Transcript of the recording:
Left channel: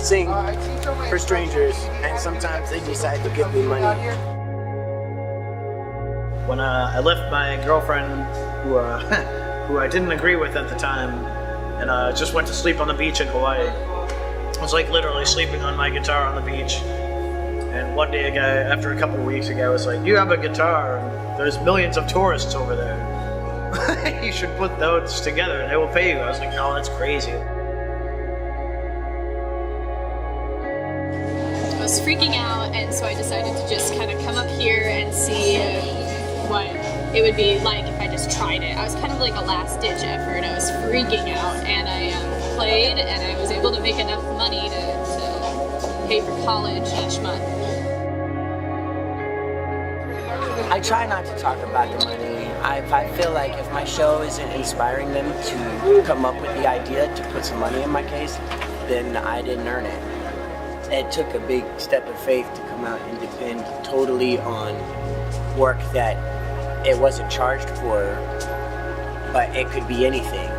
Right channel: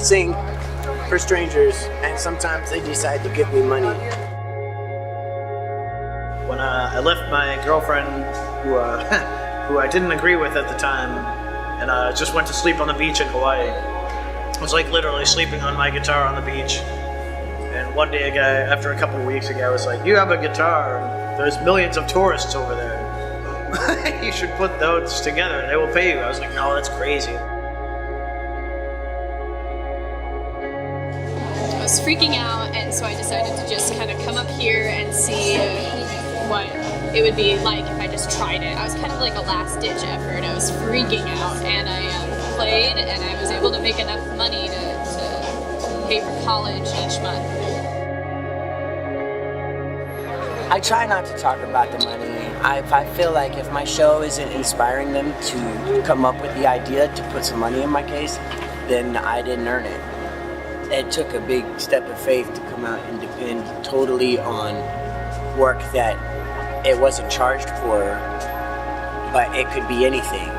sing for strangers, and sometimes they decide to give me money. When I left my girlfriend, who I didn't agree with at the time, and just went to sleep on the beach in Hawaii. I was like literally sleeping on my guitar on the beach. And one day a guy, after a couple of weeks, a guy was like, "You have a guitar, and there's millions of tourists over there. You should put those together and they will pay you." I was like, "No, that's crazy." I was freaking out, and so I decided to just kind of come up here and see what it would be like if I just tried it. I was kind of like a last-ditch effort. I was freaking out, and I played, and I was able to make enough money to pay for college each month. I try not to talk about the money. I feel like if my show isn't inspiring them to come up with the idea to put some money in my case, then I didn't earn it. It took a big step of faith to come out and depend totally on work that it wasn't charged for, but it could be anything.